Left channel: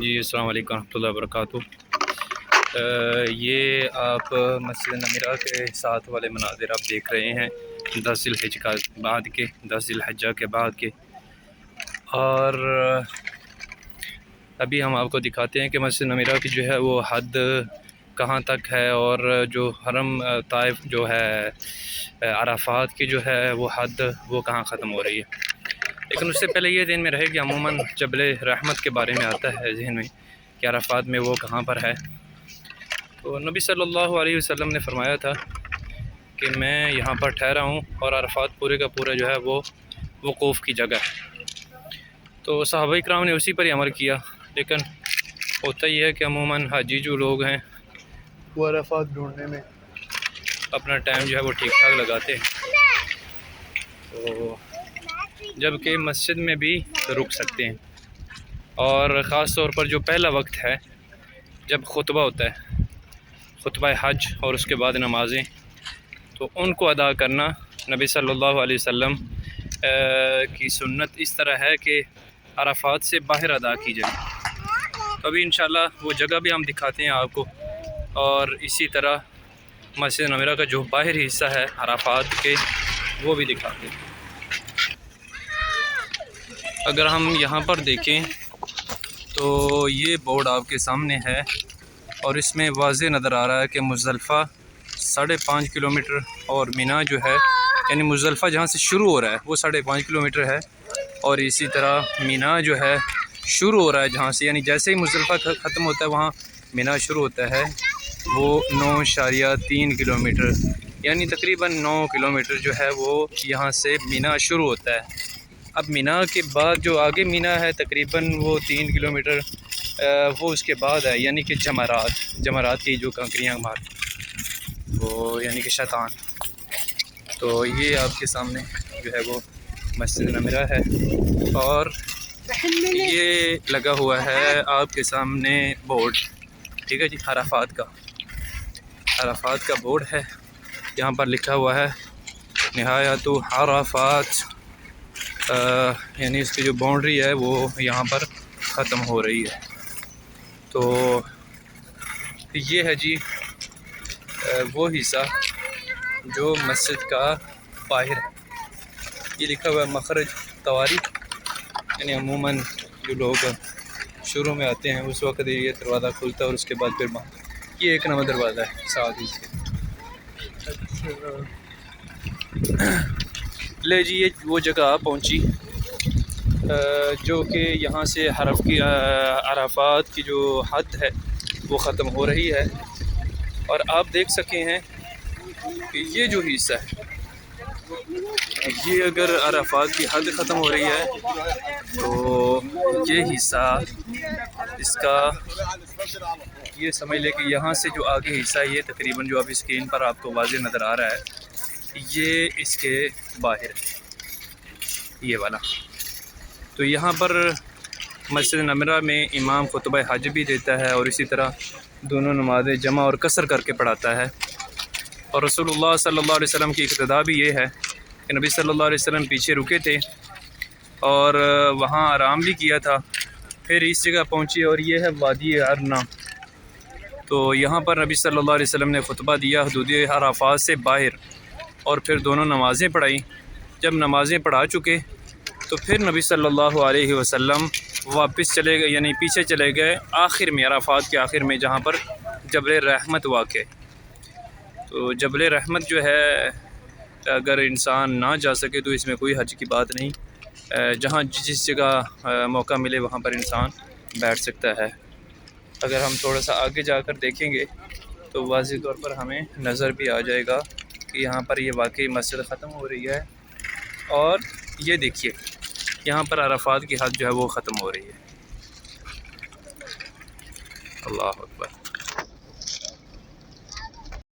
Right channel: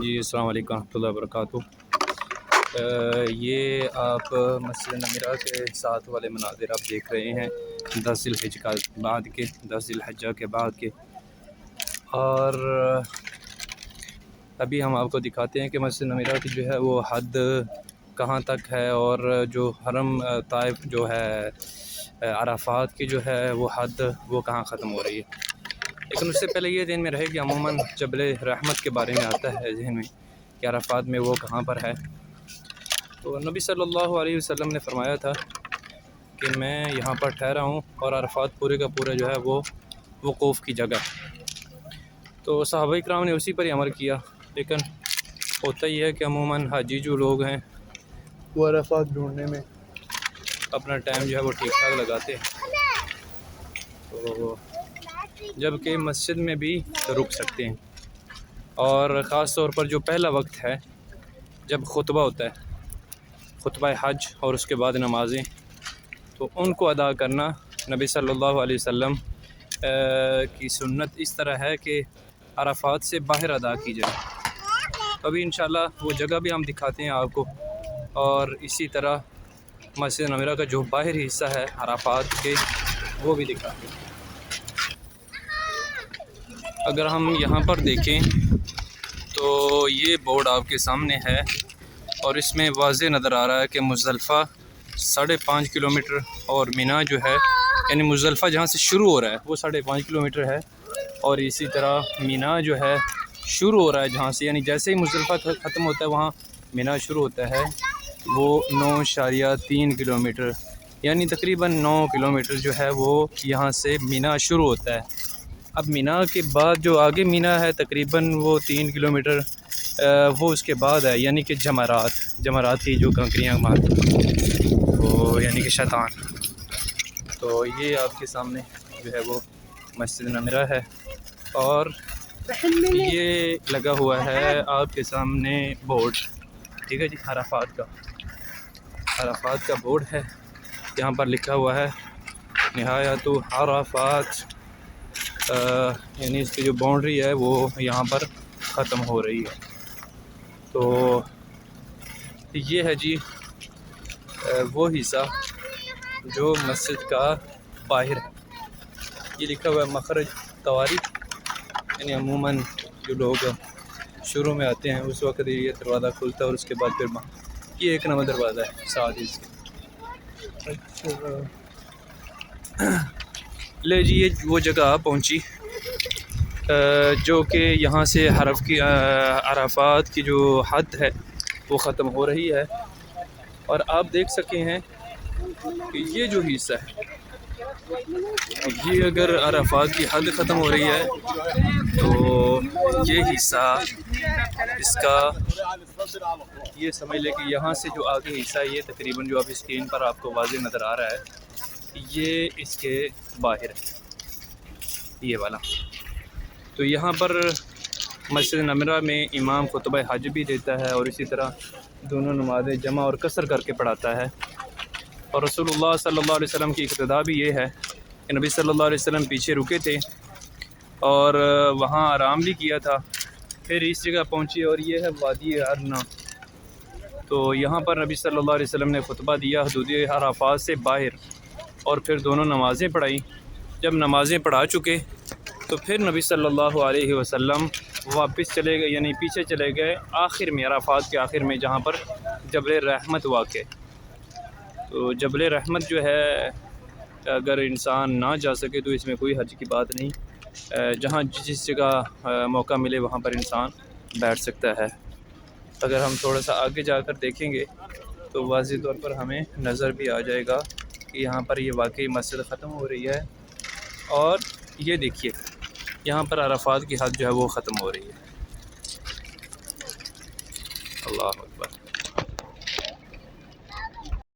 جی السلام علیکم ورحمۃ اللہ وبرکاتہ۔ یہ آپ مسجد نمیرہ کے ساتھ والے مناظر آپ دیکھ رہے ہیں 10 ذی الحجہ کے بعد کے، اور ابھی ہم آپ کو دکھاتے ہیں کہ مسجد نمیرہ کی جو ہے وہ حد کہاں تک ہے، اور جو حرم طائف جو ہے عرفات کی جو ہے وہ حد وہ کہاں ختم ہو رہی ہے۔ لیکن اس سے پہلے یہ ذہن میں رہے کہ عموماً جبل رحمت کے بارے میں آتا ہے ذہن میں کہ عرفات میں وہ کہاں پر ہے۔ تو نبی صلی اللہ علیہ وسلم نے فرمایا تھا کہ میں یہاں پر ٹھہرا ہوں اور عرفات پورے کا پورا جو ہے وہ وقوف کی جگہ۔ تو صحابہ کرام نے اسی پر ہی عمل کیا، لیکن ہوتا یہ ہے کہ عموماً حاجی جو لوگ ہیں وہ عرفات ڈھونڈنے میں اپنا ٹائم جو ہے وہ ٹھیک ٹھاک لگاتے ہیں، تو جبکہ مسجد میں بھی رک سکتے ہیں، اور خاص طور پر جو پہلا وقت ہے جب خطبہ ہوتا ہے، خطبہ حج اور اس کے بعد نمازیں، تو ان کو ادا کرنا نبی صلی اللہ علیہ وسلم کی سنت اس طرح ہے کہ عرفات سے باہر ادا کی جائے۔ تو ابھی انشاءاللہ وہ جگہ بھی ہم دکھاتے ہیں آپ کو، اور اسی طرح مسجد نمیرہ کا جو باہری حصہ ہے عرفات کے وہ بھی دکھاتے ہیں۔ اگر ہم یہاں پر دیکھیں تو یہ بورڈ آپ کے سامنے ہے، اور اس میں واضح نظر آ رہا ہے کہ مزدلفہ 5.5 کلومیٹر اور مینا جو ہے، یعنی مزدلفہ جہاں سے شروع ہو رہا ہے وہ 5.5 کلومیٹر ہے، اور اسی طرح مینا جو ہے شروع ہو رہا ہے جہاں سے، یعنی جیسے ہی مزدلفہ ختم ہوتا ہے وہاں مینا شروع ہوتا ہے، وہ 9.3 کلومیٹر، یعنی تقریباً 9 کلومیٹر جو ہے وہ یہاں سے مینا شروع ہوتا ہے۔ اب مینا کے بعد جو آگے مینا ہے تقریباً وہ 3 کلومیٹر وہ اس کے بعد ہے، یعنی کہ جمرات کی جو کنکریاں وہ یعنی کہ شیطان۔ تو یہ آپ کے سامنے جو ہے وہ مسجد نمیرہ ہے، اور یہ لگا ہوا ہے آپ کے سامنے بورڈ، ٹھیک ہے جی، عرفات کا بورڈ ہے، یہاں پر لکھا ہوا ہے نہایت عرفات، یعنی اس کی جو باؤنڈری ہے وہ یہاں پر ختم ہو رہی ہے۔ تو یہ ہے جی وہ حصہ جو مسجد کا باہر ہے، یہ لکھا ہوا ہے مخرج طوارق، یعنی عموماً جو لوگ شروع میں آتے ہیں اس وقت یہ دروازہ کھلتا ہے، اور اس کے بعد پھر یہ 1 نمبر دروازہ ہے ساتھ ہی اس کے۔ لے جی یہ وہ جگہ آپ پہنچی جو کہ یہاں سے عرفات کی جو حد ہے وہ ختم ہو رہی ہے، اور آپ دیکھ سکے ہیں کہ یہ جو حصہ ہے، یہ اگر عرفات کی حد ختم ہو رہی ہے تو یہ حصہ اس کا یہ سمجھ لے کہ یہاں سے جو آگے حصہ ہے یہ تقریباً جو اب اسکرین پر آپ کو واضح نظر آ رہا ہے یہ اس کے باہر ہے، یہ والا۔ تو یہاں پر مسجد نمیرہ میں امام خطبہ حج بھی دیتا ہے، اور اسی طرح دونوں نمازیں جمع اور قصر کر کے پڑھاتا ہے، اور رسول اللہ صلی اللہ علیہ وسلم کی اقتداء بھی یہ ہے کہ نبی صلی اللہ علیہ وسلم پیچھے رکے تھے اور وہاں آرام بھی کیا تھا، پھر اس جگہ پہنچے، اور یہ ہے وادی ارنا۔ تو یہاں پر نبی صلی اللہ علیہ وسلم نے خطبہ دیا حدود عرفات سے باہر، اور پھر دونوں نمازیں پڑھائی۔ جب نمازیں پڑھا چکے تو پھر نبی صلی اللہ علیہ وسلم واپس چلے گئے، یعنی پیچھے چلے گئے آخر میں، عرفات کے آخر میں جہاں پر جبل رحمت واقع ہے۔ تو جبل رحمت جو ہے اگر انسان نہ جا سکے تو اس میں کوئی حرج کی بات نہیں، جہاں جس جگہ موقع ملے وہاں پر انسان بیٹھ سکتا ہے۔ اگر ہم تھوڑا سا آگے جا کر دیکھیں گے تو واضح طور پر ہمیں نظر بھی آ جائے گا کہ یہاں پر یہ واقعی مسجد ختم ہو رہی ہے، اور یہ دیکھیے یہاں پر عرفات کی حد جو ہے وہ ختم ہو رہی ہے۔ اللہ